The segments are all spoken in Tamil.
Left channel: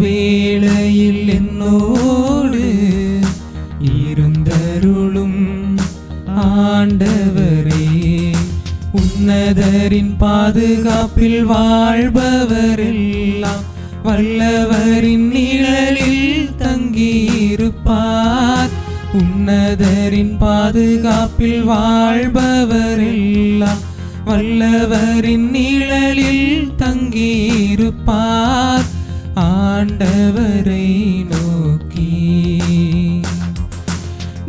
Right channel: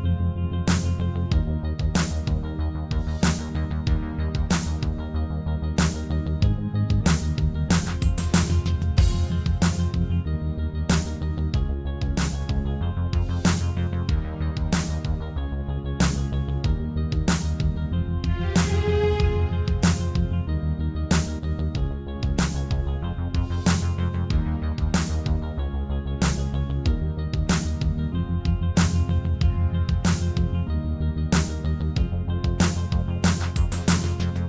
வேளையில் என்னோடு இருந்தருளும் ஆண்டவரே, உன்னதரின் பாதுகாப்பில் வாழ்பவரெல்லாம் வல்லவரின் நிழலில் தங்கியிருப்பார். உன்னதரின் பாதுகாப்பில் வாழ்பவரெல்லாம் வல்லவரின் நிழலில் தங்கியிருப்பார். ஆண்டவரை நோக்கி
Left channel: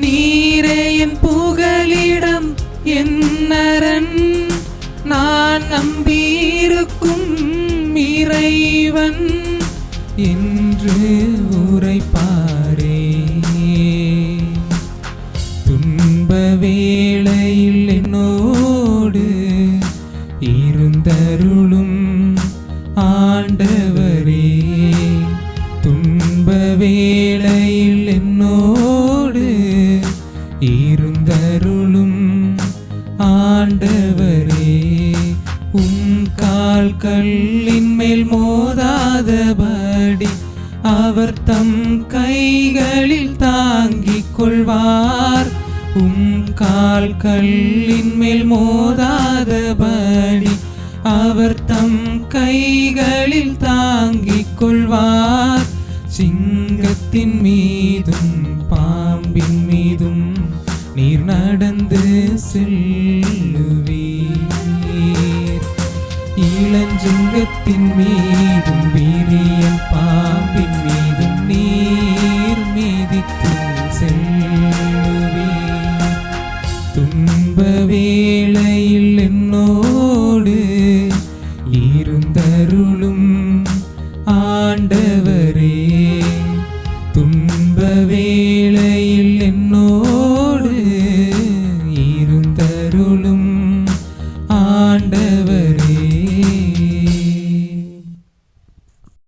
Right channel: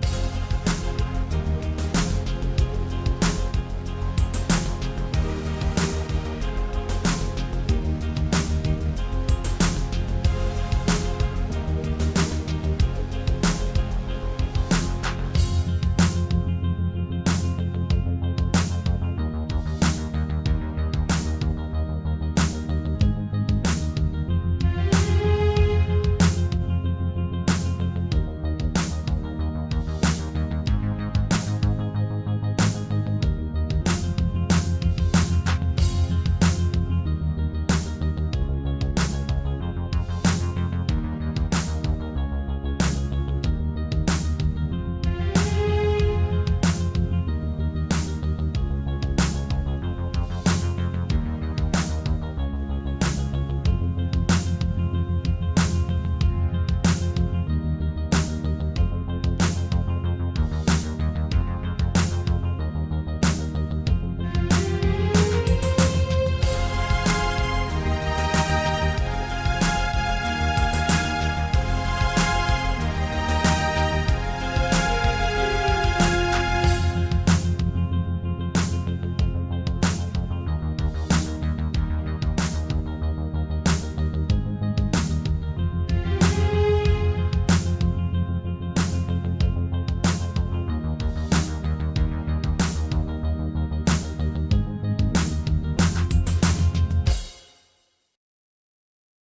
நீரே என் புகலிடம், என் அரண், நான் நம்பியிருக்கும் இறைவன் என்று உரைப்பாரே. துன்ப வேளையில் என்னோடு இருந்தருளும் ஆண்டவரே, துன்ப வேளையில் என்னோடு இருந்தருளும் ஆண்டவரே. கால்களின் மேல் மோதாதபடி அவர் தம் கைகளில் தாங்கிக் கொள்வார். கால்களின் மேல் மோதா